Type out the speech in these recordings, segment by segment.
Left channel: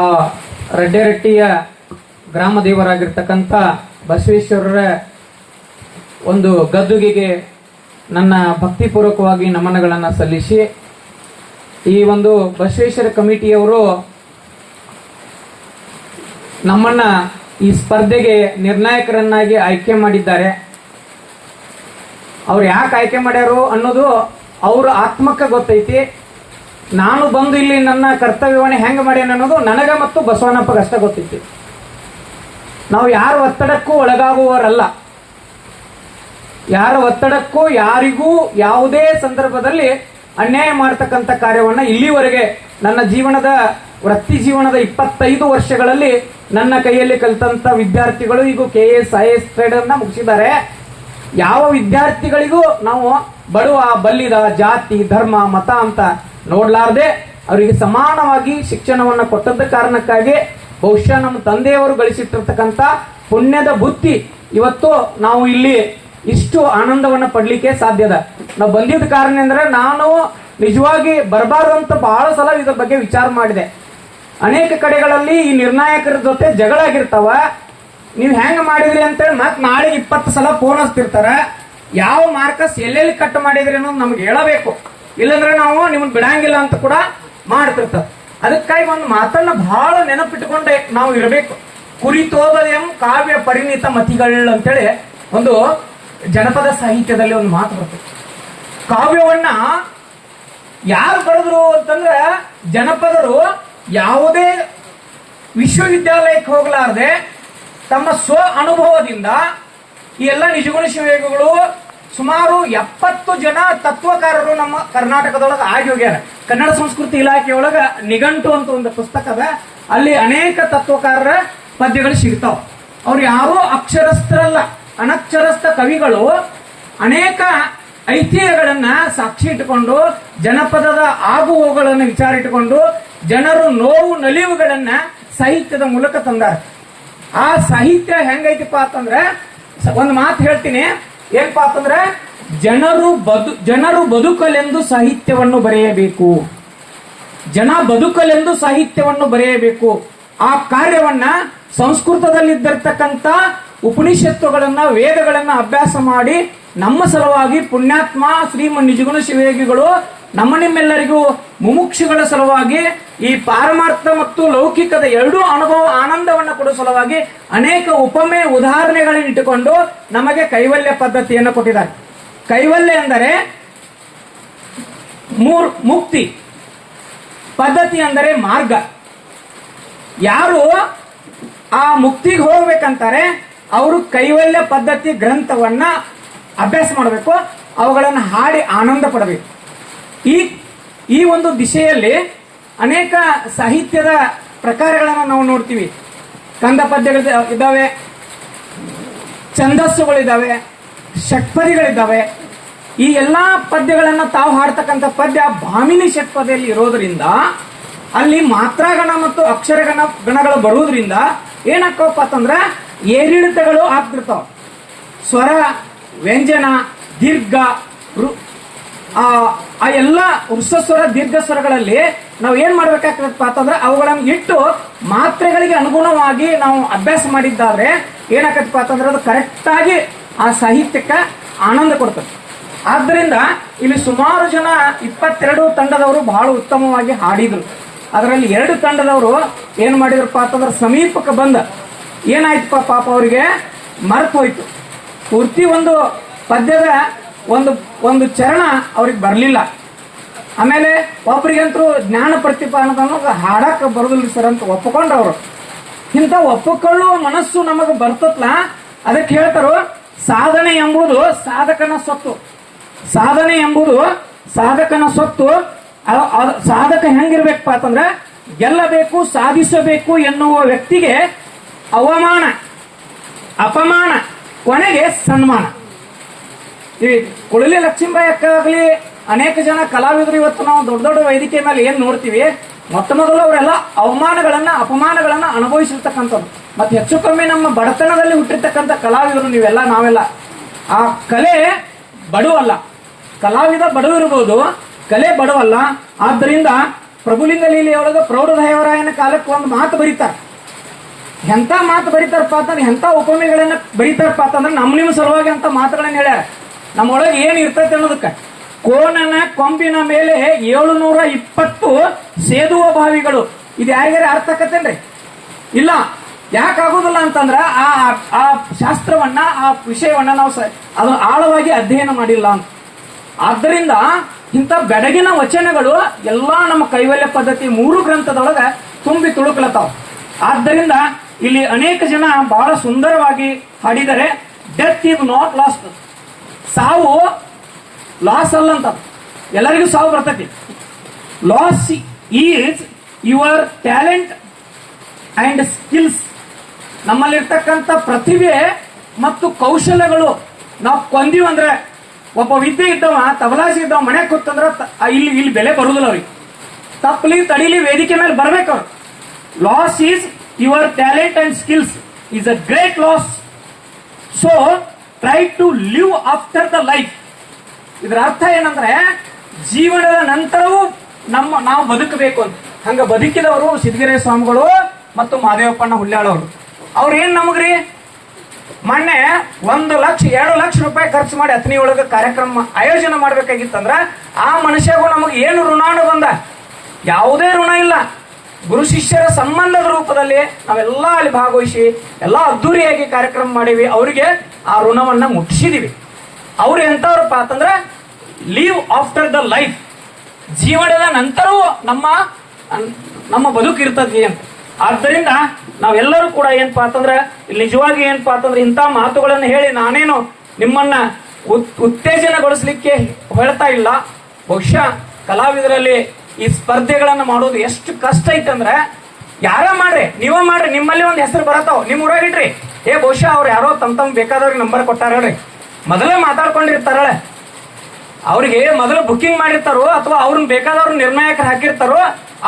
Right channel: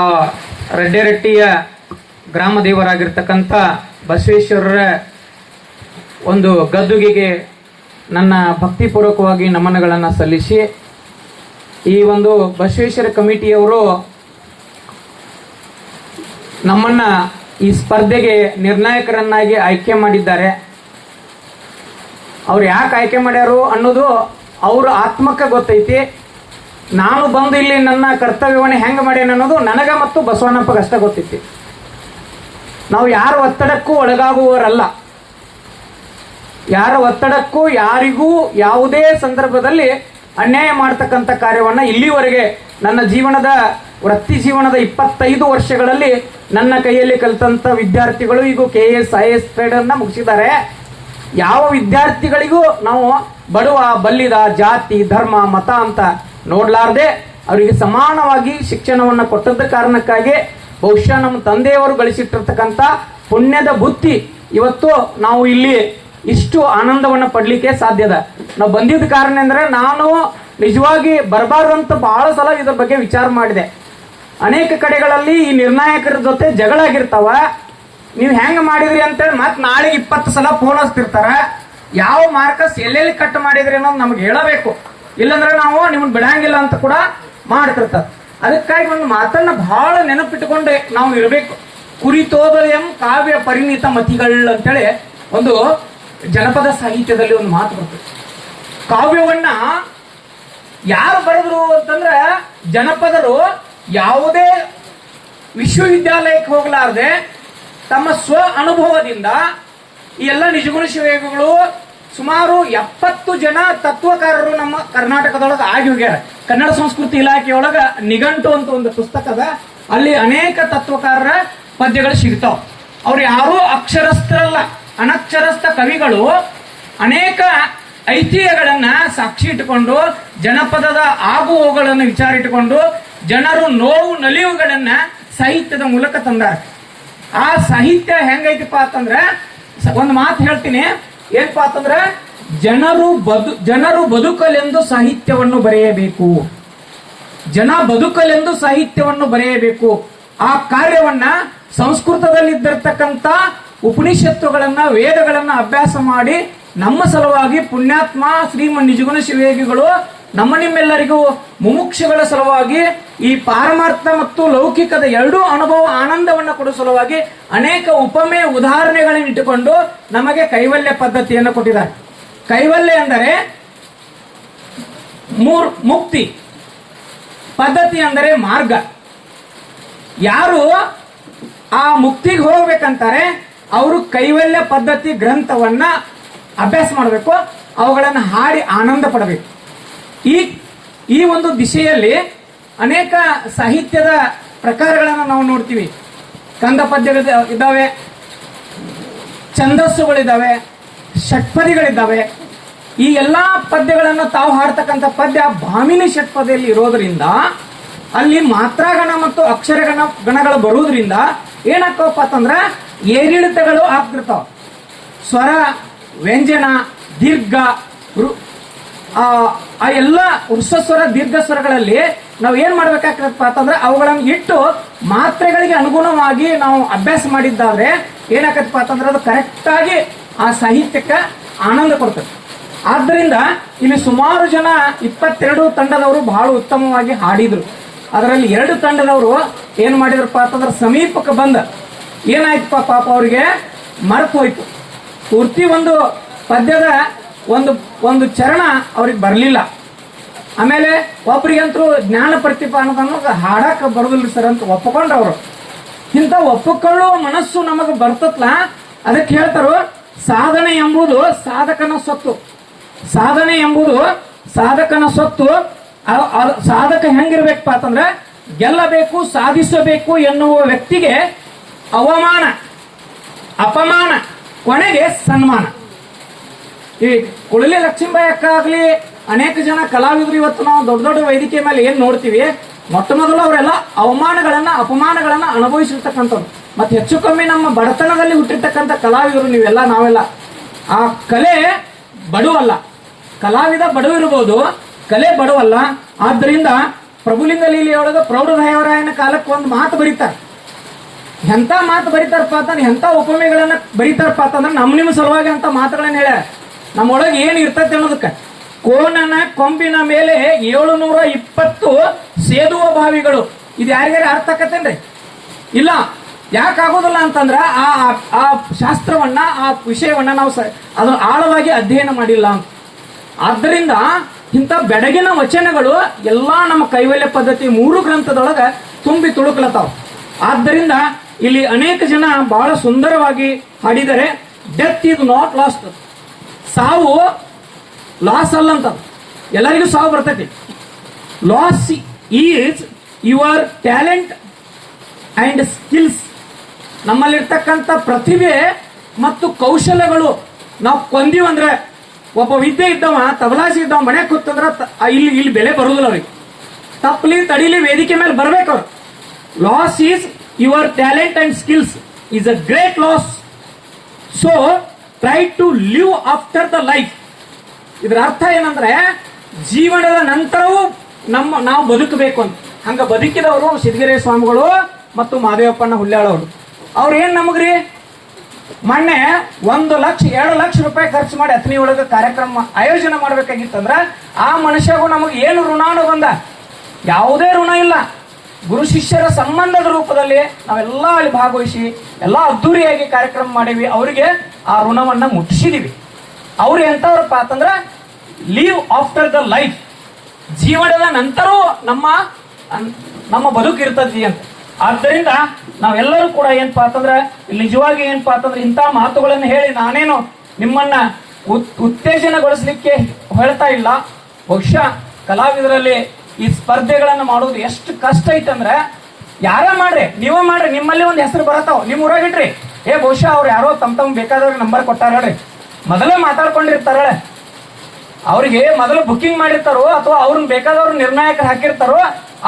ಆ ರೆಡ್ಡಿರೆಟ್ಟಿಯ ಗ್ರಾಮ ದೇವರಾಗಿರ್ತಕ್ಕಂಥ ಬಸವೇಶ್ವರರ ಒಂದು ಗದ್ದುಗೆಗೆ ನನ್ನ ಭಕ್ತಿಪೂರ್ವಕವಾಗಿ ನಮನಗಳನ್ನು ಸಲ್ಲಿಸಿ, ಈ ಒಂದು ಬಸವೇಶ್ವರ ಕಮಿಟಿಯವರು ನಮ್ಮನ್ನ ಈ ಸ್ಪರ್ಧೆಗೆ ನಿರ್ಣಾಯಕರನ್ನಾಗಿ ಆಯ್ಕೆ ಮಾಡಿದ್ದಾರೆ. ಅವ್ರು ಯಾಕೆ ಆಯ್ಕೆ ಮಾಡ್ಯಾರು ಅನ್ನೋದು ಅವ್ರ ಆತ್ಮಕ್ಕೆ ಗೊತ್ತೈತಿ. ನಾನು ಬಂದು ಇಲ್ಲಿ ನನ್ನ ಕರ್ತವ್ಯವನ್ನು ಹೆಂಗೆ ಮಾಡ್ಯಾನ ಅನ್ನೋದು ನನಗ ಮತ್ತು ಬಸವಣ್ಣಪ್ಪಗೆ ಗೊತ್ತಿತ್ತು. ಗೊತ್ತೈತಿ ನಾವು ಯಾರ ಒತ್ತಡಕ್ಕೂ ಒಳಗಾಗುವವರಲ್ಲ. ಯಾರ ಒತ್ತಡಕ್ಕೂ ಯಾರಿಗೂ ಯಾವುದೇ ಸಂದರ್ಭದಲ್ಲಿ ಅನ್ಯಾಯ ಮಾಡ್ತಕ್ಕಂಥ ಕಾರ್ಯವನ್ನ ಇಲ್ಲಿವರೆಗೆ ನನ್ನ ಜೀವನದ, ವೃತ್ತಿ ಜೀವನದ ಇಪ್ಪತ್ತೈದು ವರ್ಷಗಳಲ್ಲಿ ನನ್ನ ಕೈಯಲ್ಲಿ ಕಲಿತಂತ ವಿದ್ಯಾರ್ಥಿಗಳು ಈಗ K S I S trade ಅನ್ನ ಮುಗಿಸಿದ್ದಾರೆ. ಯಾವ ವಿದ್ಯಾರ್ಥಿಗಳಿಗೂ ನಾವು ಬಡವ ಬಲ್ಲಿದ ಜಾತಿ, ಧರ್ಮ, ಮತ ಅಂತ ನೋಡ್ಲಾರ್ದೆ ಅವರಿಗೆ ಸಮಾನವಾಗಿ ಶಿಕ್ಷಣವನ್ನು ಕೊಟ್ಟದ್ದ ಕಾರಣಕ್ಕಾಗಿ ಬಹುಶಃ ನಮ್ಮ ತಂದೆಯವರು ಗಳಿಸಿಟ್ಟಿರ್ತಕ್ಕಂಥ ಪುಣ್ಯದ ಬುತ್ತಿ ಇವತ್ತು ನಾವು ಇಲ್ಲಿ ಇಷ್ಟು ಆನಂದವನ್ನು ಪಡ್ಲಿಕ್ಕೆ ಸಾಧ್ಯದ ನಾವು ಬಂದಿದ್ದ ಕಾರಣ ಅಂದ್ರೆ ನಾನು ನಿಜವಾಗಿ ಬರಬಾರ್ದು ಅಂತ ಬಹಳ ಸಲ ಇದ್ರ ಬಗ್ಗೆ ವಿಚಾರ ಮಾಡಿದೆ. ಅನೇಕ ಕಡೆಗಳಲ್ಲಿ ಈ ನಿರ್ಣಾಯಕರ ಜೊತೆ ಜಗಳ ಆಗಿರ್ತಾವ ನೀವು ಹೆಂಗ್ ಮಾಡಿದ್ರಿ ಅಂತೇಳಿ ಮತ್ತೆ ನಾಳೆ ಇಪ್ಪತ್ತು ಸಲ ಫೋನ್ ಯಾವ ಮಾರ್ಕಸ್ ಎಲ್ಲೆಲ್ಲಿ ಕಟ್ ಮಾಡಿದ್ರಿ ಅನ್ನೋದು ನಮ್ಗೆ ಹೇಳಬೇಕು. ಇಲ್ಲಂದ್ರೆ ನಾವು ನಿಮ್ಮನ್ನ ಬಿಡಂಗಿಲ್ಲ ಅಂತ ಕೂಡ ಮಾಡ್ತಿರ್ತಾರೆ. ಅದಕ್ಕಾಗಿ ಒಂದು ಮಾತನ್ನ ಬಹಳ ನೆನಪಿಟ್ಟುಕೊಂಡೆ ನಾವು ಇರಬೇಕು. ಕುರಿತೋದ ಎಂ ಕಾವ್ಯ ಪರಿಣಿತ ಮತಿಗಳು ಅಂತೇಳಿ ಒಂದು ಜನಪದ ಸಾಹಿತ್ಯದಲ್ಲಿ ಒಂದು ಮಾತು ಬರ್ತದೆ. ಕಾವ್ಯವನ್ನ ಯಾರು ಬರೆದ್ರು ಅಂತಂದ್ರೆ ಜನಪದರು ಯಾವುದೇ ವಿಶ್ವವಿದ್ಯಾಲಯಕ್ಕೆ ಹೋಗಲಾರದೆ ತಮ್ಮ ಸ್ವ ಅನುಭವದಿಂದ ಈ ಎಲ್ಲ ನಿಜಗುಣ ಶಿವಯೋಗಿಗಳು ಸುಮಾರು ಎಪ್ಪತ್ತು ಜನ ತತ್ವಕಾರರು ನಮ್ಮ ಕರ್ನಾಟಕದೊಳಗೆ ಆಗಿ ಹೋಗ್ಯಾರ. ಕನ್ನಡ ಸಂಸ್ಕೃತಿ ಇಲಾಖೆಯೊಳಗ ನಿಘಂಟು ಅಂತ ಒಂದು ಪುಸ್ತಕದ ಅಲ್ಲಿ ಅನೇಕ ತತ್ವಕಾರರ ಪದ್ಯಗಳು ಸಿಗ್ತಾವ. ಅವ್ರು ಯಾರೂ ಅಕ್ಷರಸ್ಥರಲ್ಲ. ಅನಕ್ಷರಸ್ಥ ಕವಿಗಳು ಅನೇಕ ಐತಿಹ್ಯಗಳನ್ನ ಸಾಕ್ಷಿ ಇಟ್ಟುಕೊಂಡು, ಜನಪದದ ಆಗು ಹೋಗುಗಳನ್ನು ವಿಚಾರ ಇಟ್ಟುಕೊಂಡು, ಜನರು ನೋವು ನಲಿವುಗಳನ್ನ ಸಾಹಿತ್ಯದ ಮೂಲಕ ತಂದಾರ. ಆ ಸಾಹಿತ್ಯ ಹೆಂಗೈತಿಪ್ಪ ಅಂತಂದ್ರೆ ಒಂದು ಮಾತು ಹೇಳ್ತೀನಿ. ಏನಪ್ಪ ಅಂತಂದ್ರೆ ಜನರು ಬದು, ಜನರು ಬದುಕಲೆಂದು ಸಾಹಿತ್ಯವನ್ನು ಬರೆಯಬೇಕು. ಜನ ಬದುಕಲೆಂದು ಸಾಹಿತ್ಯವನ್ನು ಬರೆಯಬೇಕು. ಆ ಕಾರ್ಯವನ್ನ ಸಂಸ್ಕೃತದಲ್ಲಿದ್ದಿರ್ತಕ್ಕಂಥ ಉಪನಿಷತ್ತುಗಳನ್ನ, ವೇದಗಳನ್ನ ಅಭ್ಯಾಸ ಮಾಡಿ ನಮ್ಮ ಸಲುವಾಗಿ ಪುಣ್ಯಾತ್ಮ ಶ್ರೀಮನ್ ನಿಜಗುಣ ಶಿವಯೋಗಿಗಳು ನಮ್ಮ ನಿಮ್ಮೆಲ್ಲರಿಗೂ ಮುಮುಕ್ಷಗಳ ಸಲುವಾಗಿ ಈ ಪಾರಮಾರ್ಥ ಮತ್ತು ಲೌಕಿಕದ ಎರಡೂ ಅನುಭವ ಆನಂದವನ್ನು ಕೊಡುವ ಸಲುವಾಗಿ ಅನೇಕ ಉಪಮೆ ಉದಾಹರಣೆಗಳನ್ನು ಇಟ್ಟುಕೊಂಡು ನಮಗೆ ಕೈವಲ್ಯ ಪದ್ಧತಿಯನ್ನು ಕೊಟ್ಟಿದ್ದಾರೆ. ಕೈವಲ್ಯ ಎಂದರೆ ಮೂರ್, ಮುಕ್ತಿ. ಪದ್ಧತಿ ಅಂದರೆ ಮಾರ್ಗ. ಯಾರು ಆ ಮುಕ್ತಿಗೆ ಹೋಗ್ಬೇಕಂತಾರೆ, ಅವರು ಕೈವಲ್ಯ ಪದ್ಧತಿ ಗ್ರಂಥವನ್ನ ಅಭ್ಯಾಸ ಮಾಡಬೇಕು, ಅವುಗಳನ್ನು ಹಾಡಿ ಆನಂದ ಪಡಬೇಕು. ಈ ಈ ಒಂದು ದಿಶೆಯಲ್ಲಿ ಅನೇಕ ಸಾಹಿತ್ಯದ ಪ್ರಕಾರಗಳನ್ನು ನಾವು ನೋಡ್ತೀವಿ. ಕಂದ ಪದ್ಯಗಳು ಇದ್ದಾವೆ ಛಂದಸ್ಸುಗಳಿದ್ದಾವೆ ಷಟ್ಪದಿಗಳಿದ್ದಾವೆ ಈ ಎಲ್ಲಾ ಪದ್ಯಗಳನ್ನು ತಾವು ಹಾಡ್ತಕ್ಕಂಥ ಪದ್ಯ ಭಾಮಿನಿ ಷಟ್ಪದಿಯಲ್ಲಿ ಇರೋದ್ರಿಂದ, ಅಲ್ಲಿ ಮಾತ್ರಾಗಣ ಮತ್ತು ಅಕ್ಷರಗಣ, ಗಣಗಳು ಬರುವುದರಿಂದ ಏನಾಗ್ತಾವಪ್ಪ ಅಂತಂದ್ರೆ ಏರಿಳಿತಗಳು ಆಗ್ತಿರ್ತಾವ. ಸ್ವರ, ವ್ಯಂಜನ, ದೀರ್ಘ ಆ ಎಲ್ಲ ವೃಷಸ್ವರ ದೀರ್ಘ ಸ್ವರಗಳಲ್ಲಿ ನಾವು ಏನ್ ಮಾಡ್ಬೇಕಾಗ್ತದಪ್ಪ ಅಂತಂದ್ರೆ ಅವುಗಳನ್ನು ಇಟ್ಟು ಮಾತ್ರೆಗಳಿಗೆ ಅನುಗುಣವಾಗಿ ನಾವು ಅಭ್ಯಾಸ ಮಾಡಿದ್ದಾದ್ರೆ ಏನಾಗತ್ತಪ್ಪ ಅಂತಂದ್ರೆ ಅದು ಕರೆಕ್ಟ್ ಆಗಿ ಆ ಸಾಹಿತ್ಯಕ್ಕೆ ಆನಂದ ಕೊಡ್ತದೆ. ಆದ್ದರಿಂದ ಇಲ್ಲಿ ಸುಮಾರು ಜನ ಇಪ್ಪತ್ತೆರಡು ತಂಡದವರು ಬಹಳ ಉತ್ತಮವಾಗಿ ಹಾಡಿದ್ರು. ಅದರಲ್ಲಿ ಎರಡು ತಂಡದವರು ಏನ್ ಮಾಡಿದ್ರಪ್ಪ ಅಂತಂದ್ರೆ ಸಮೀಪಕ್ಕೆ ಬಂದ. ಏನಾಯ್ತಪ್ಪ ಪಾಪ ಅವರಿಗೆ ಮರೆತು ಹೋಯ್ತು. ಪೂರ್ತಿ ಒಂದು ಪದ್ಯದ ಒಂದು ಒಂದು ಚರಣ ಅವ್ರಿಗೆ ಬರಲಿಲ್ಲ. ಆಮೇಲೆ ಒಬ್ರಿಗಂತೂ ಜ್ಞಾನ ಪ್ರತಿಭಾ ಅನ್ನೋದು ಹಾಡಕ್ ಬರೋದಿಲ್ಲ ಸರ್ ಅಂತ ಒಪ್ಪಿಕೊಂಡ್ರವ್ರು ಇಂಥ ಒಪ್ಪಿಕೊಳ್ಳುವ ಮನಸ್ಸು ನಮಗೆ ಬರ್ತತ್ಲ? ಅದಕ್ಕೆ ಹೇಳ್ತಾರೋ, ಸಾಧನೆ ಎಂಬುದು ಸಾಧಕನ ಸೊತ್ತು. ಸಾಧನೆ ಎಂಬುದು ಸಾಧಕನ ಸೊತ್ತು. ಸಾಧಕ ಹೆಂಗಿರ್ಬೇಕಪ್ಪ ಅಂತಂದ್ರೆ, ಗೆಲ್ಲಬೇಕು, ಸಾಧಿಸಬೇಕು ಎನ್ನುವ ವ್ಯಕ್ತಿಗೆ ಅವಮಾನ, ಅಪಮಾನ, ಕೊನೆಗೆ ಸನ್ಮಾನ. ಈ ಕುಳಲಿ ಲಕ್ಷ್ಮೀಬಾಯಿ ಅಕ್ಕ ಅನೇಕ ಜನ ಕಲಾವಿದರು ಇವತ್ತು ನಾವು ದೊಡ್ಡ ದೊಡ್ಡ ವೇದಿಕೆ ಮೇಲೆ ಏನ್ ನೋಡ್ತೀವಿ? ಮೊಟ್ಟ ಮೊದಲು ಅವರೆಲ್ಲ ಅವಮಾನಗಳನ್ನ, ಅಪಮಾನಗಳನ್ನ ಅನುಭವಿಸಿರ್ತಕ್ಕಂಥವ್ರು. ಮತ್ತೆ ಹೆಚ್ಚು ಕಮ್ಮಿ ನಮ್ಮ ಬಡತನದಲ್ಲಿ ಹುಟ್ಟಿರ್ತಕ್ಕಂಥ ಕಲಾವಿದರು ನೀವೆಲ್ಲ, ನಾವೆಲ್ಲ. ಆ ಕಲೆ ಬಡವಲ್ಲ ಕಲಾವಿದ ಬಡವಿರ್ಬೋದು ಕಲೆ ಬಡವಲ್ಲ ಆದ್ದರಿಂದ ಪ್ರಭುಲಿಂಗ ಲೀಲೆಯೊಳಗ ಪ್ರೌಢದೇವರಾಯನ ಕಾಲಕ್ಕೆ ಒಂದು ಮಾತು ಬರೀತಾರೆ. ಎಂತ ಮಾತು ಬರೀತಾರಪ್ಪ ಅಂತಂದ್ರೆ, ಎಂತ ಉಪಮೆಗಳನ್ನ ಬರೀತಾರಪ್ಪ ಅಂತಂದ್ರೆ, ನಮ್ಮ ನಿಮ್ಮ ಸಲುವಾಗಿ ಅಂತ ಮಾತುಗಳನ್ನ ಹೇಳ್ಯಾರ. ನಮ್ಮೊಳಗೆ ಏನ್ ಇರ್ತೈತೆ ಅನ್ನೋದಕ್ಕ? ಕೋನನ ಕೊಂಬಿನ ಮೇಲೆ ಏಳುನೂರ ಇಪ್ಪತ್ತು ಸೇದುವ ಬಾವಿಗಳು. ಇದು ಯಾರಿಗಾರ ಅರ್ಥ ಆಕತ್ತೇನ್ರಿ ಇಲ್ಲ. ಯಾಕಾಗೋದಿಲ್ಲ ಅಂತಂದ್ರ ಆ ಆ ಶಾಸ್ತ್ರವನ್ನ, ಆ ವಿಷಯವನ್ನ ನಾವು ಅದನ್ನು ಆಳವಾಗಿ ಅಧ್ಯಯನ ಮಾಡಿಲ್ಲ. ಆದ್ದರಿಂದ ಇಂಥ ಬೆಡಗಿನ ವಚನಗಳು ಎಲ್ಲಾ ನಮ್ಮ ಕೈವಲ್ಯ ಪದ್ಧತಿ ಮೂರು ಗ್ರಂಥದೊಳಗ ತುಂಬಿ ತುಳುಕ್ಲತ್ತಾವ. ಆದ್ದರಿಂದ ಇಲ್ಲಿ ಅನೇಕ ಜನ ಬಹಳ ಸುಂದರವಾಗಿ ಹಾಡಿದರೆ ಡೆತ್ ಇಸ್ ನಾಟ್ ಲಾಸ್ಟ್ ಸಾವು ಲಾಸ್ ಅಲ್ಲ ಅಂತ. ಎಲ್ಲರಿಗೂ ಸಾವು ಬರ್ತೈತಿ. Loss is your talent and skills ನಮ್ಮಲ್ಲಿರ್ತಕ್ಕಂಥ ಪ್ರತಿಭೆ ಮತ್ತು ಕೌಶಲ್ಯಗಳು ನಾವು ಕೊಂದಿವಂದ್ರೆ ಒಬ್ಬ ವಿದ್ಯೆ ಇದ್ದವ ತಬಲಾಸಿ ಇದ್ದವ, ಮನೆ ಕೂತಂದ್ರೆ ಇಲ್ಲಿ ಇಲ್ಲಿ ಬೆಲೆ ಬರುದಿಲ್ಲ ಅವ್ರಿಗೆ. ತಪ್ಪಲಿ ತಡಿಲಿ ವೇದಿಕೆ ಮೇಲೆ ಬರ್ಬೇಕು ಅವ್ರು. Loss is your talent and skills is a great loss so try to live after the life ಇದರ ಅರ್ಥ ಏನಂದ್ರೆ ಜೀವನದ ನಂತರವೂ ನಮ್ಮ ನಾವು ಬದುಕಬೇಕು ಅಂತ. ಹಂಗ ಬದುಕಿದವರು ಸಿದ್ಧಗಿರಿ ಸ್ವಾಮಿಗಳು ಮತ್ತು ಮಾದೇವಪ್ಪಣ್ಣ ಹುಲ್ಯಾಳವರು ಅವ್ರು. ಏನ್ ನಮಗ್ರಿ? ಮೊನ್ನೆ ಒಂದು ಲಕ್ಷ, ಎರಡು ಲಕ್ಷ ರೂಪಾಯಿ ಖರ್ಚು ಮಾಡಿ ಅತ್ನಿ ಒಳಗ ಕಾರ್ಯಕ್ರಮ ಆಯೋಜನೆ ಮಾಡ್ಬೇಕಾಗಿತ್ತಂದ್ರ ಆ ಮನುಷ್ಯಗೂ ನಮಗೆ ಏನು ಋಣಾನು ಬಂದ? ಯಾವುದೇ ಋಣ ಇಲ್ಲ. ಗುರು ಶಿಷ್ಯರ ಸಂಬಂಧದ ರೂಪದಲ್ಲಿ ನಾವೆಲ್ಲ ಅಲ್ಲಿ ಭಾಗವಹಿಸಿ, ಎಲ್ಲ ಅದ್ದೂರಿಯಾಗಿ ಕಾರ್ಯಕ್ರಮ ಮಾಡಿವಿ ಅವರಿಗೆ ಆ ಋಣವನ್ನ ಮುಟ್ಟಿಸಿದೀವಿ. ಅವ್ರು ಎಂತವ್ರಪ್ಪ ಅಂತಂದ್ರೆ ಲೀವ್ ಆಫ್ಟರ್ ದ ಲೈಫ್ ಜೀವನದ ನಂತರವೂ ನಮ್ಮ ನಮ್ಮ ಬದುಕು ಇರ್ತದೆ ಅಂತ. ಆದ್ದರಿಂದ ನಾವೆಲ್ಲರೂ ಕೂಡ ಏನಪ್ಪಾ ಅಂತಂದ್ರೆ ನಿಜವಾಗಿ ಏನಪ್ಪಾ ಅಂತಂದ್ರೆ ಇಂಥ ಮಾತುಗಳನ್ನು ಹೇಳಿ ನಾನೇನು ನಿಮ್ಮನ್ನ ಉತ್ತೇಜನಗೊಳಿಸ್ಲಿಕ್ಕೆ ಹೇಳ್ತಾ ಇಲ್ಲ. ಬಹುಶಃ ಕಲಾವಿದರಲ್ಲಿ ಈ ಸ್ಪರ್ಧೆಗಳನ್ನ ಮಾಡೋದು ಎಷ್ಟು ಕಷ್ಟ ಐತಂದ್ರೆ ಯಾರ ಮಾಡ್ರಿ ನೀವ ಮಾಡ್ರಿ ನಿಮ್ಮಲ್ಲಿ ಒಂದು ಹೆಸರು ಬರತಾವ ನಿಮ್ ಊರಾಗಿಡ್ರಿ ಏ ಬಹುಶಃ ಅವ್ರು ಯಾರೋ ತಮ್ ತಮ್ ಬೇಕಾದವ್ರಿಗೆ ನಂಬರ್ ಕೊಟ್ಟಾರ ಹೇಳ್ರಿ. ಮೊದಲ ಮಾತಾಡ್ಕೊಂಡಿರ್ತಾರ ಅವ್ರಿಗೆ ಮೊದಲು ಬುಕಿಂಗ್ ಮಾಡಿರ್ತಾರೋ ಅಥವಾ ಅವ್ರನ್ನ ಬೇಕಾದವ್ರು ನಿರ್ಣಾಯಕರು ಹಾಕಿರ್ತಾರೋ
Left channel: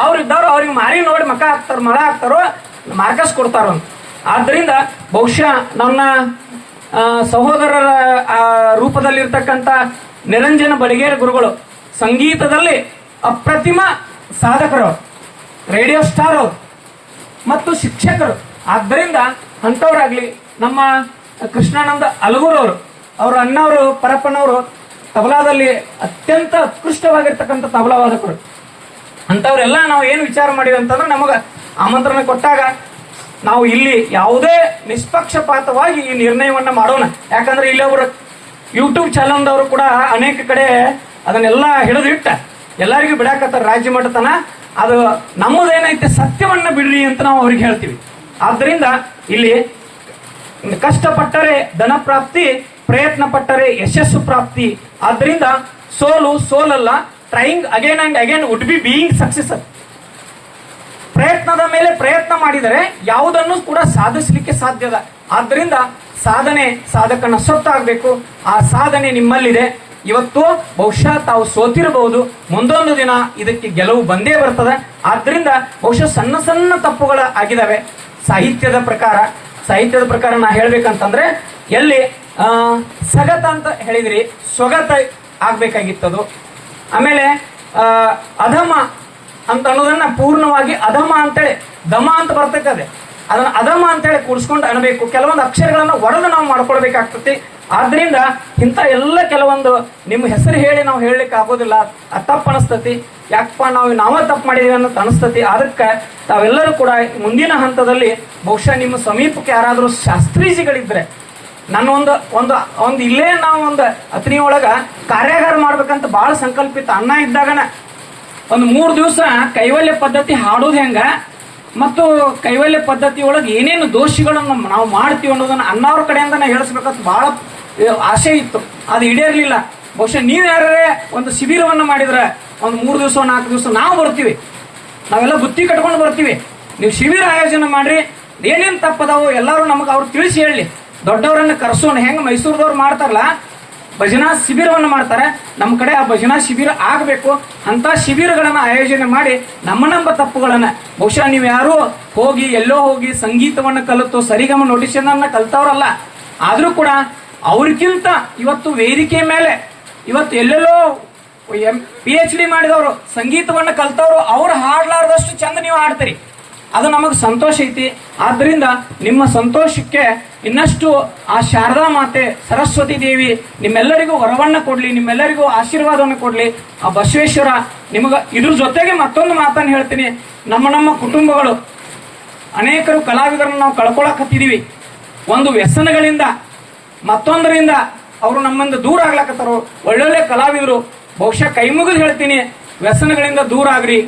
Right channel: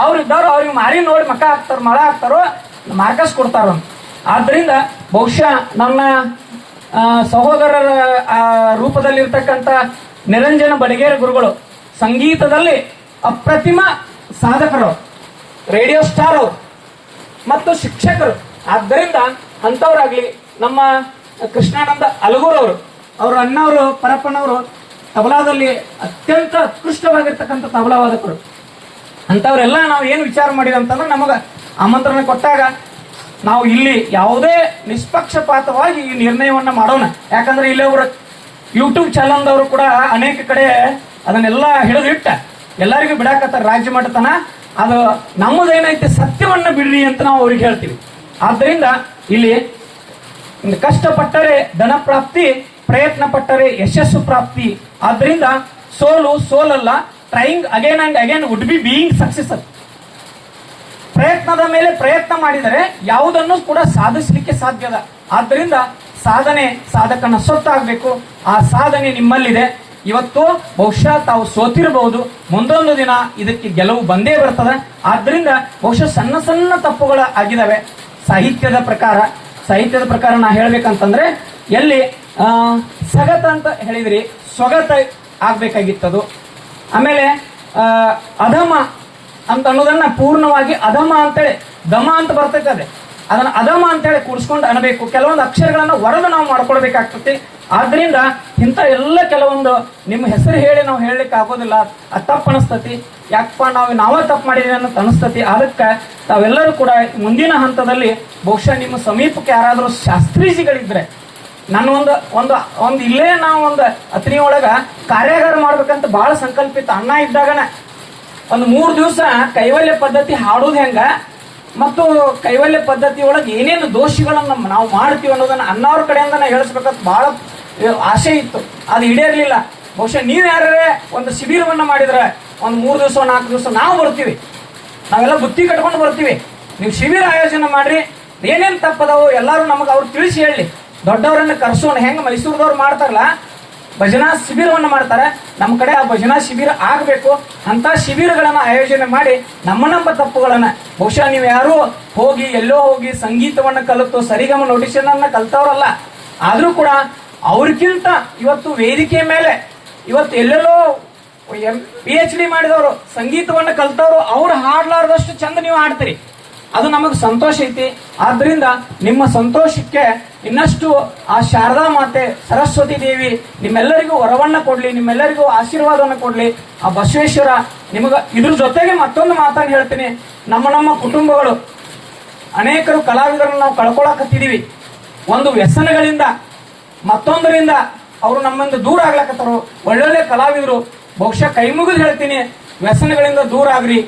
ಅವ್ರ ಇದ್ದವ್ರು ಅವ್ರಿಗೆ ಮಾರಿ ನೋಡಿ ಮಕ ಹಾಕ್ತಾರ ಮಳ ಹಾಕ್ತಾರೋ ಮಾರ್ಕಸ್ ಕೊಡ್ತಾರೋ. ಆದ್ರಿಂದ ಬಹುಶಃ ನನ್ನ ಸಹೋದರರ ಆ, ರೂಪದಲ್ಲಿರ್ತಕ್ಕಂಥ ನಿರಂಜನ ಬಡಿಗೇರಿ ಗುರುಗಳು ಸಂಗೀತದಲ್ಲಿ ಅಪ್ರತಿಮ ಸಾಧಕರು, ರೇಡಿಯೋ ಸ್ಟಾರ್ ಅವರು ಮತ್ತು ಶಿಕ್ಷಕರು. ಆದ್ದರಿಂದ ಅಂತವರಾಗ್ಲಿ ನಮ್ಮ ಕೃಷ್ಣಾನಂದ ಅಲಗೂರ್ ಅವರು ಅವರು ಅಣ್ಣವರು ಪರಪ್ಪನವರು ತಬಲಾದಲ್ಲಿ ಅತ್ಯಂತ ಉತ್ಕೃಷ್ಟವಾಗಿರ್ತಕ್ಕಂಥ ತಬಲಾ ವಾದಕರು ಅಂತವರೆಲ್ಲ ನಾವು ಏನು ವಿಚಾರ ಮಾಡಿವಿ ಅಂತಂದ್ರೆ ನಮಗ ಆಮಂತ್ರಣ ಕೊಟ್ಟಾಗ ನಾವು ಇಲ್ಲಿ ಯಾವುದೇ ನಿಷ್ಪಕ್ಷಪಾತವಾಗಿ ಈ ನಿರ್ಣಯವನ್ನ ಮಾಡೋಣ. ಯಾಕಂದ್ರೆ ಇಲ್ಲಿ ಅವರು ಯೂಟ್ಯೂಬ್ ಚಾನಲ್ದವರು ಕೂಡ ಅನೇಕ ಕಡೆ ಅದನ್ನೆಲ್ಲ ಹಿಡಿದಿಟ್ಟ ಎಲ್ಲರಿಗೂ ಬಿಡಾಕತ್ತಾರ ರಾಜ್ಯ ಮಟ್ಟತನ. ಅದು ನಮ್ಮದೇನೈತೆ ಸತ್ಯವನ್ನ ಬಿಡ್ರಿ ಅಂತ ನಾವು ಅವ್ರಿಗೆ ಹೇಳ್ತೀವಿ. ಆದ್ದರಿಂದ ಇಲ್ಲಿ ಕಷ್ಟಪಟ್ಟರೆ ಧನ ಪ್ರಾಪ್ತಿ ಪ್ರಯತ್ನ ಪಟ್ಟರೆ ಯಶಸ್ಸು ಪ್ರಾಪ್ತಿ. ಆದ್ದರಿಂದ ಸೋಲು ಸೋಲಲ್ಲ trying again and again would be being success ಪ್ರಯತ್ನದ ಮೇಲೆ ಪ್ರಯತ್ನ ಮಾಡಿದರೆ ಯಾವುದನ್ನು ಕೂಡ ಸಾಧಿಸಲಿಕ್ಕೆ ಸಾಧ್ಯದ ಆದ್ದರಿಂದ ಸಾಧನೆ ಸಾಧಕನ ಸೊತ್ತಾಗಬೇಕು ಆ ಸಾಧನೆ ನಿಮ್ಮಲ್ಲಿದೆ. ಇವತ್ತು ಬಹುಶಃ ತಾವು ಸೋತಿರಬಹುದು. ಮುಂದೊಂದು ದಿನ ಇದಕ್ಕೆ ಗೆಲುವು ಬಂದೇ ಬರ್ತದೆ. ಆದ್ರಿಂದ ಬಹುಶಃ ಸಣ್ಣ ಸಣ್ಣ ತಪ್ಪುಗಳ ಆಗಿದಾವೆ. ಸಾಹಿತ್ಯದ ಪ್ರಕಾರ ಸಾಹಿತ್ಯದ ಪ್ರಕಾರ ನಾ ಹೇಳ್ಬೇಕಂತಂದ್ರೆ, ಎಲ್ಲಿ ಸಗತ ಅಂತ ಹೇಳಿದ್ರಿ ಸ್ವಗತ ಆಗ್ಬೇಕಾಗಿತ್ತದು. ಆಮೇಲೆ ಅಧಮ ಅಂತ ಅನ್ನೋದನ್ನ ಪೂರ್ಣವಾಗಿ ಅಧಮ ಅಂತೇಳಿ, ದಮ ಅಂತ ಬರ್ತೈತೆ ಅದೇ. ಅದನ್ನ ಅಧಮ ಅಂತೇಳಿ ಕೂಡಿಸ್ಕೊಂಡು ಅನ್ಬೇಕು ಕೆಲವೊಂದು ಅಕ್ಷರಗಳನ್ನು ಹೊಡೆದು ನಾವು ಮಾಡ್ಕೊಳ್ಬೇಕಾಗ್ತತಿ. ಆದ್ರಿಂದ ಇಂಥ ಎಲ್ಲ ಕೆಲವೊಂದು ನಿಮ್ಮ ಹೆಸರು ಹೇಳಿ ನಾವು ಹೇಳಲಿಕ್ಕೆ ಆಗೋದಿಲ್ಲ. ಅದು ತಪ್ಪು ಅನಿಸ್ತತಿ. ಯಾಕಪ್ಪ ನಾವು ನಾವೇ ತಪ್ಪು ಮಾಡಿದೀವಿ ಅನ್ನೋದು ಅನಿಸ್ತತಿ. ಅದಕ್ಕೆ ತಾವೆಲ್ಲರೂ ಕೂಡ ಮುಂದಿನ ಹಂತದಲ್ಲಿ ಬಹುಶಃ ನಿಮ್ಮ ಸಮೀಪಕ್ಕೆ ಯಾರಾದರೂ ಶಾಸ್ತ್ರೀಜಿಗಳಿದ್ರೆ ನಾನು ಒಂದು ಒಂದು ಒಂದು ಇಲ್ಲೇ ನಾವು ಒಂದು ಅತ್ನಿ ಒಳಗ ಕಾರ್ಯಾಗಾರ ಮಾಡ್ಬೇಕಂತ ಬಹಳ ಸಂಕಲ್ಪಿತ ಅಣ್ಣ ಇದ್ದಾಗನ ಒಂದು ಮೂರು ದಿವಸ ಕೈವಲ್ಯ ಪದ್ಧತಿ ಹಾಡೋದು ಹೆಂಗ? ಮತ್ತು ಕೈವಲ್ಯ ಪದ್ಧತಿ ಒಳಗೆ ಏನೇನು ದೋಷಿಗಳನ್ನು ನಾವು ಮಾಡ್ತೀವಿ ಅನ್ನೋದನ್ನ ಅನ್ನೋರ ಕಡೆಯಿಂದ ನಾವು ಹೇಳಿಸ್ಬೇಕಂತ ಬಹಳ ಆಸೆ ಇತ್ತು. ಅದು ಈಡೇರ್ಲಿಲ್ಲ. ಬಹುಶಃ ನೀವು ಯಾರೇ ಒಂದು ಶಿಬಿರವನ್ನ ಮಾಡಿದ್ರೆ ಒಂದು ಮೂರು ದಿವಸ, ನಾಲ್ಕು ದಿವಸ ನಾವು ಬರ್ತೀವಿ. ನಾವೆಲ್ಲ ಬುತ್ತಿ ಕಟ್ಕೊಂಡು ಬರ್ತೀವಿ. ನೀವು ಶಿಬಿರ ಆಯೋಜನೆ ಮಾಡ್ರಿ. ಏನೇನ್ ತಪ್ಪದವು ಎಲ್ಲರೂ ನಮಗೆ ಅವ್ರು ತಿಳಿಸಿ ಹೇಳಿ. ದೊಡ್ಡವರನ್ನ ಕರ್ಸೋಣ. ಹೆಂಗೆ ಮೈಸೂರದವ್ರು ಮಾಡ್ತಾರಲ್ಲ ಭಜನಾ ಶಿಬಿರವನ್ನು ಮಾಡ್ತಾರೆ. ನಮ್ಮ ಕಡೆ ಆ ಭಜನಾ ಶಿಬಿರ ಆಗಬೇಕು. ಅಂತ ಶಿಬಿರಗಳನ್ನು ಆಯೋಜನೆ ಮಾಡಿ ನಮ್ಮ ನಮ್ಮ ತಪ್ಪುಗಳನ್ನು. ಬಹುಶಃ ನೀವು ಯಾರು ಹೋಗಿ, ಎಲ್ಲೋ ಹೋಗಿ ಸಂಗೀತವನ್ನ ಕಲಿತು ಸರಿಗಮ ನೋಟಿಷನ್ ಅನ್ನ ಕಲ್ತವ್ರಲ್ಲ. ಆದರೂ ಕೂಡ ಅವ್ರಿಗಿಂತ ಇವತ್ತು ವೇದಿಕೆ ಮೇಲೆ, ಇವತ್ತು ಎಲ್ಲೆಲ್ಲೋ ಪಿ ಎಚ್ ಡಿ ಮಾಡಿದವರು, ಸಂಗೀತವನ್ನು ಕಲ್ತವ್ರು, ಅವ್ರು ಹಾಡ್ಲಾರ್ದಷ್ಟು ಚಂದ ನೀವು ಹಾಡ್ತೀರಿ. ಅದು ನಮಗೆ ಸಂತೋಷ ಐತಿ. ಆದ್ರಿಂದ ನಿಮ್ಮ ಸಂತೋಷಕ್ಕೆ ಇನ್ನಷ್ಟು ಆ ಶಾರದಾ ಮಾತೆ, ಸರಸ್ವತಿ ದೇವಿ ನಿಮ್ಮೆಲ್ಲರಿಗೂ ವರವನ್ನ ಕೊಡ್ಲಿ, ನಿಮ್ಮೆಲ್ಲರಿಗೂ ಆಶೀರ್ವಾದವನ್ನು ಕೊಡ್ಲಿ. ಆ ಬಸವೇಶ್ವರ ನಿಮಗ ಇದ್ರ ಜೊತೆಗೆ ಮತ್ತೊಂದು ಮಾತನ್ನು ಹೇಳ್ತೀನಿ. ನಮ್ಮ ನಮ್ಮ ಕುಟುಂಬಗಳು, ಅನೇಕರು ಕಲಾವಿದರನ್ನು ನಾವು ಕಳ್ಕೊಳಕತ್ತಿದೀವಿ. ಒಂದು ವ್ಯಸನಗಳಿಂದ, ಮತ್ತೊಂದರಿಂದ ಅವರು ನಮ್ಮಿಂದ ದೂರ ಆಗ್ಲಕತ್ತಾರು. ಒಳ್ಳೊಳ್ಳೆ ಕಲಾವಿದರು. ಬಹುಶಃ ಕೈ ಮುಗಿದು ಹೇಳ್ತೀನಿ, ವ್ಯಸನಗಳಿಂದ ದೂರ ಆಗ್ರಿ.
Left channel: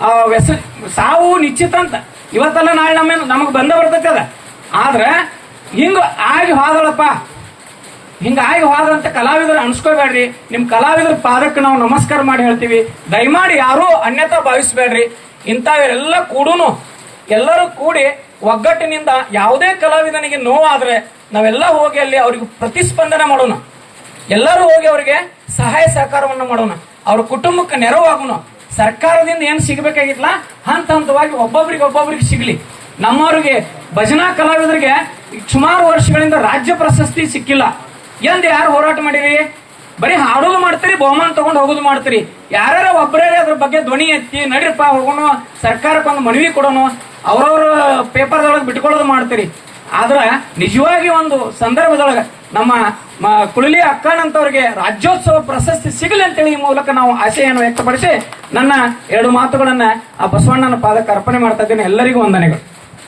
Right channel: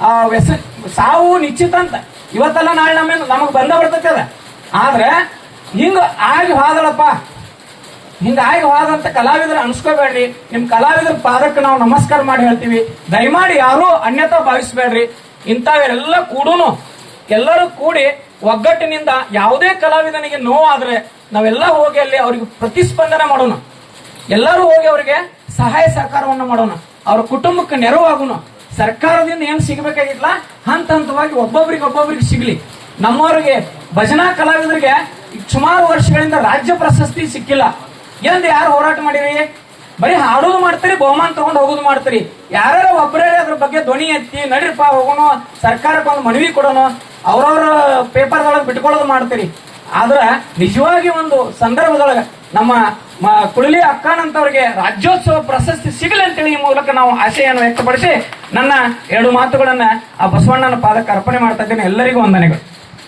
ಆ ವ್ಯಸ ಸಾವು ನಿಶ್ಚಿತ ಅಂತ. ಇವತ್ತಲ್ಲ ನಾಳೆ ನಮ್ಮ ನಮಗ್ ಬಂದ ಬರ್ತೈತೆ ಅದ. ಆದ್ರೆ ಹಿಂಗ ಆಗಿ ಹೋದಲಪ್ಪ ಹಿಂಗ ಆಗಿ ಹೋದಂತ ಕಲಾವಿದರು ಅನ್ಸ್ಕೋಬೇಡ್ರಿ. ನಿಮ್ ಕಲಾವಿದರ ಪಾದಕ್ಕೆ ನಾವು ನಮಸ್ಕಾರ ಮಾಡಿ ಹೇಳ್ತೀವಿ. ದಯಮಾಡಿ ಯಾರೂ ಅನ್ಯತಾ ಭಾವಿಸ್ಬೇಡ್ರಿ. ಇಂಥವೆಲ್ಲ ಕೂಡೂನು. ಎಲ್ಲರೂ ಕೂಡಿ ಒಗ್ಗಟ್ಟಿನಿಂದ ಯಾವುದೇ ಕಲಾವಿದನಿಗೆ ನೋವಾದ್ರೆ ನಾವೆಲ್ಲ ಹೋಗಿ ಅಲ್ಲಿ ಅವ್ರಿಗೆ ಪ್ರತಿಸ್ಪಂದನೆ ಮಾಡೋಣ. ಎಲ್ಲರೂ ಹೋಗಿ ಅವರಿಗೆ ಸಹಾಯ ಸಹಕಾರವನ್ನು ಮಾಡೋಣ. ಅವ್ರ ಕುಟುಂಬಕ್ಕೆ ನೆರವಾಗೋಣ. ಸರ್ಕಾರದಿಂದ ಏನು ಸಿಗಬೇಕಾಗಿತ್ತಲ್ಲ ಹಂತ ಹಂತವಾಗಿ ಒಬ್ಬೊಬ್ರಿಗೆ ಒಬ್ಬೊಬ್ರಿಗೆ ಸಿಗ್ಲಿ. ನಮ್ಮವ್ರಿಗೆ, ಭಜನಾ ಕಲಾವಿದರಿಗೆ ಸುಮಾರು ವರ್ಷಗಳಿಂದ ರಾಜ್ಯ ಪ್ರಶಸ್ತಿ ಸಿಕ್ಕಿಲ್ಲ. ಎಂದು ಯಾರು ಹೋರಾಟ ಮಾಡಿರಿ? ಬರೀ ಹಾಡೋದು ಮಾಡ್ತೀರಿ, ಬಹುಮಾನ ತಗೊಂಡು ಹೋಗೋದು ಮಾಡ್ತೀರಿ. ಯಾರ್ಯಾರ ಒಬ್ಬರೇ ಅದ್ರ ಬಗ್ಗೆ ಧ್ವನಿ ಎತ್ತಿ, ನಡೀರಪ್ಪ, ಹೋಗೋಣ, ಸರ್ಕಾರಕ್ಕೆ ಒಂದು ಮನವಿ ಕೊಡೋಣ, ಅವ್ರವ್ರ ಪೇಪರ್ದೊಳಗೆ ಬಿಟ್ಕೊಳ್ಳೋದು ಮಾಡ್ತೀರಿ. ಆದ್ರೆ ನಿಜವಾಗಿ ಒಂದು ಸಂದರ್ಭದೊಳಗೆ ನಮ್ಮ ಕುಳಲಿ ಅಕ್ಕನಂತವ್ರಿಗೆ ರಾಜ್ಯೋತ್ಸವ ಪ್ರಶಸ್ತಿ ಸಿಗಲಿ ಅಂತೇಳಿ ಈ ಮೂಲಕ ನಾವು ಆಶೆಯನ್ನು ವ್ಯಕ್ತಪಡಿಸಿ ನನ್ನ ಎರಡು ಮಾತುಗಳನ್ನ ಆ ಬಸವಣ್ಣನ ಪಾದಕ್ಕೆ ಅರ್ಪಣೆ ಮಾಡ್ತಾ ಎಲ್ಲರಿಗೂ ವಂದನೆಗಳು.